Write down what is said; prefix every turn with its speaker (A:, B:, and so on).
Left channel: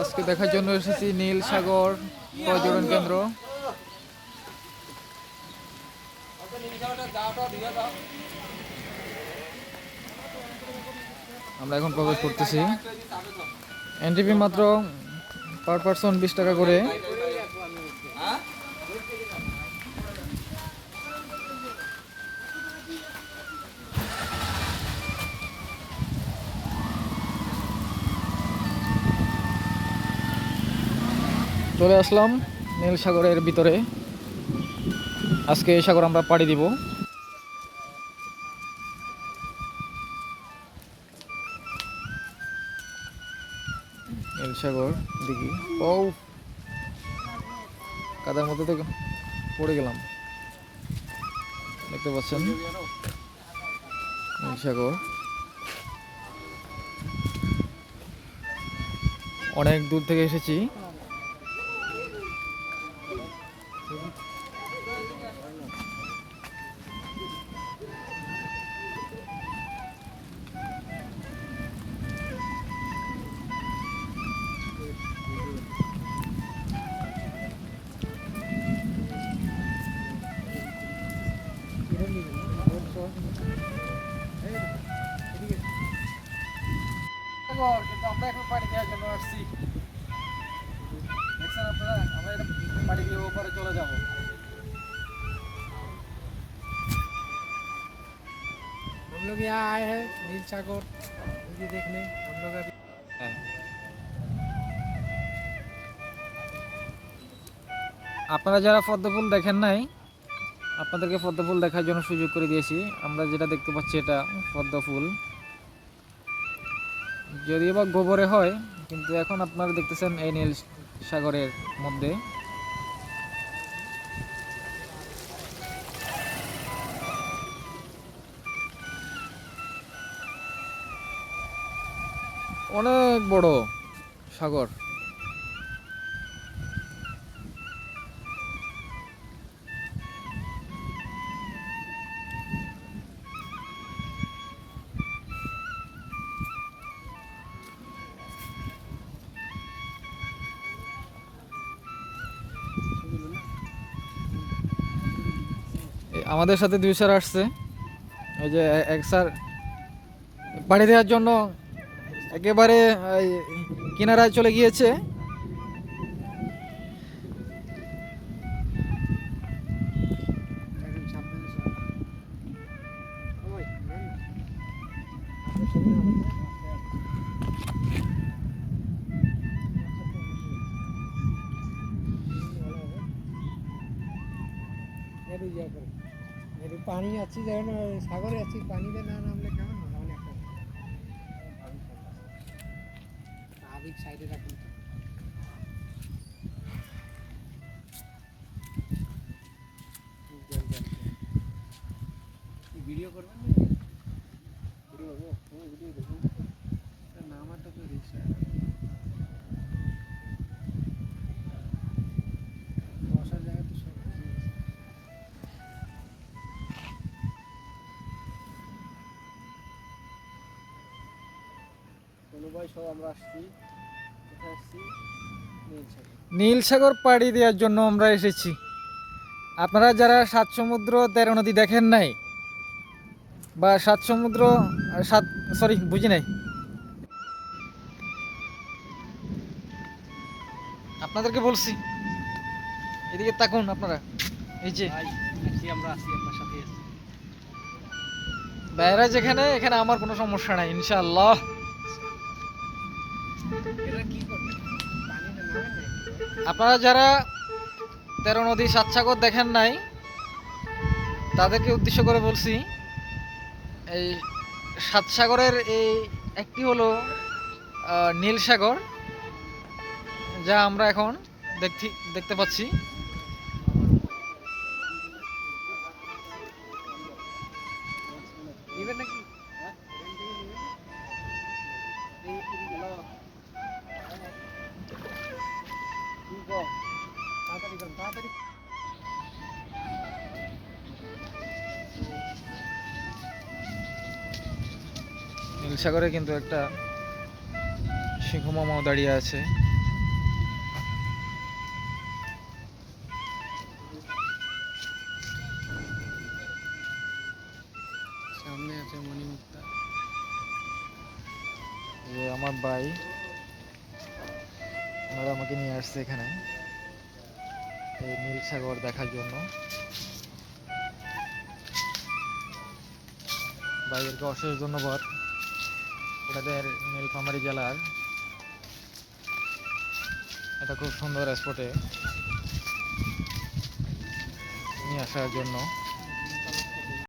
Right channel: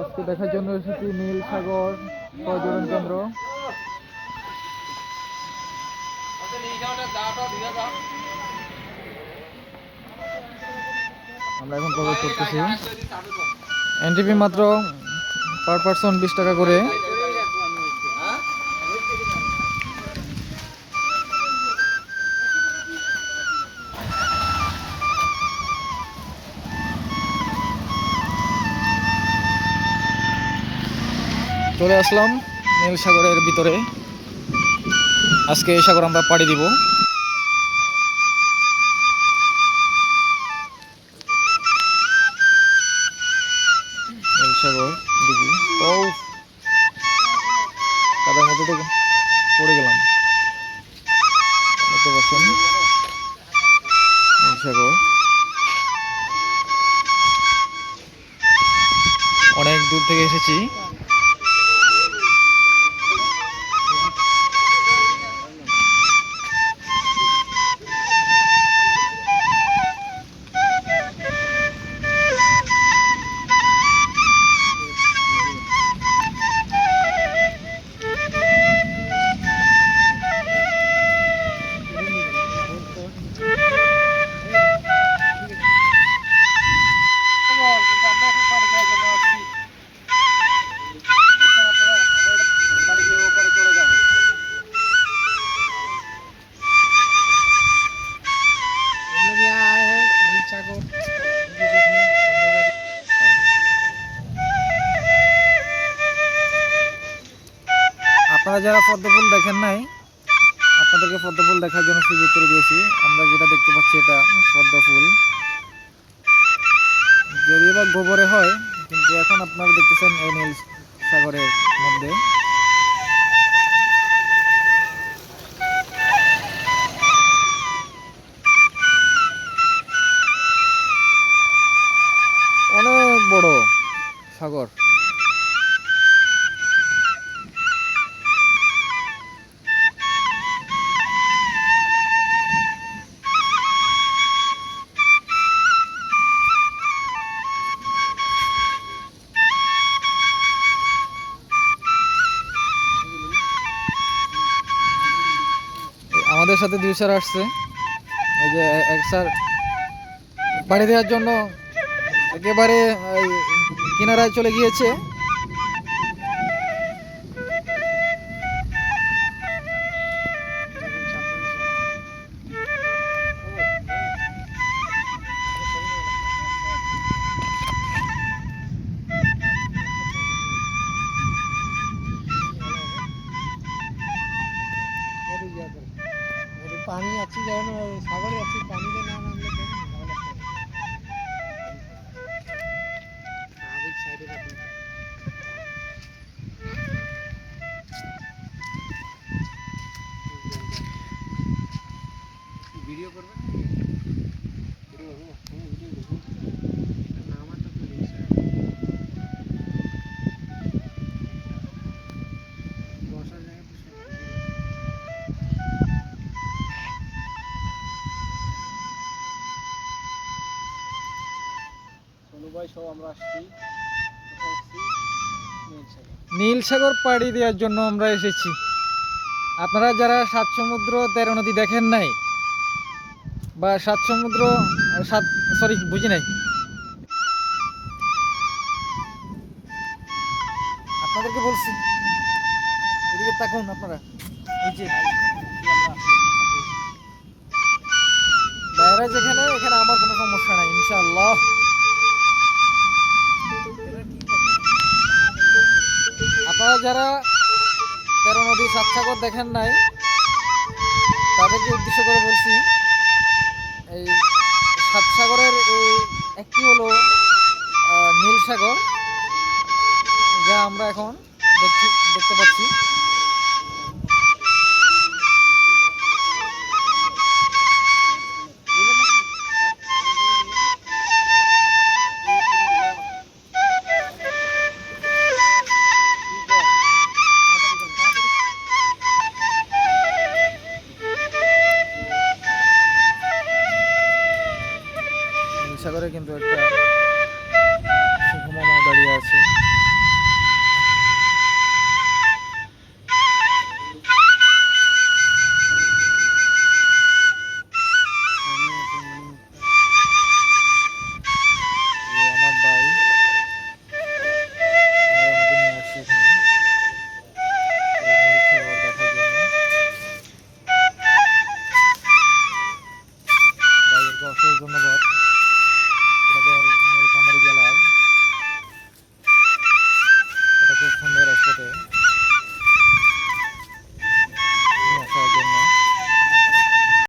A: আজকে দেখার জন্য এসেছি নীল সাগর পর্যটন কেন্দ্র। আমরা এখন প্রবেশ করতেছি। এনটিপি মাত্র পার পার্সন বিশ টাকা করে। চলে আসলাম নীল সাগরের ভিতরে। আজকে এই সাগর আমরা পাড়ি দিব। নীল সাগর, দিঘি। ও কাদার মধ্যে থেকে পড়ে গেলাম। দেখতে পাচ্ছেন? নীল সাগর। অনেক দূর থেকে এসেছি।
B: সাগর।
A: আপনারা যারা পদ্মফুল দেখেন নাই, আপনাদেরকে পদ্মফুল দেখার জন্য সুযোগ করে দিয়েছি। আমরা যেটা দেখতে পাচ্ছি এটা পদ্মফুল যদিও বা গোবরে হয়, কিন্তু এখন আপনারা দেখতেছেন এই নীল সাগরের মধ্যে। অনেক বড় সাগর। আমাদের সাথে দুই স্যার আসছে। এই যে এক স্যার পাড়ি দেওয়ার জন্য একেবারে কিনারায় চলে গিয়েছে
B: ইয়া পানি আছে ওই সাগরে আছে পানিতে না নামলে ভাই সব আমরা আসছি। কোথায় আসছি? নীল সাগর
A: নীল সাগর পাড়ি দেওয়ার জন্য আমরা এসেছি। আপনারা যারা সাত সমুদ্র তেরো নদী দেখেন নাই বা সাত সমুদ্র সাত সরি বুঝি নাই। আপনাদেরকে বলছি, এদিকে তাকুন আপনারা। এই যে বাইরে যেখানে, এখানে আমার কোনো সমস্যা নাই, ইনশাআল্লাহ। আপনারা যারা তেরো নদী সাত সাগর দেখেন নাই, তাদেরকে উদ্দেশ্য করে বলছি এই সাত সাগরের এই একটি হলো নীল সাগর যা আমরা এখন দেখতে দেখতে পাচ্ছি। নীল সাগরে কিন্তু একটা সিংহ মামাও দাঁড়িয়ে আছে। নীলফামারী জেলার একটা খুব সুন্দর স্পটে নিয়ে আসার জন্য।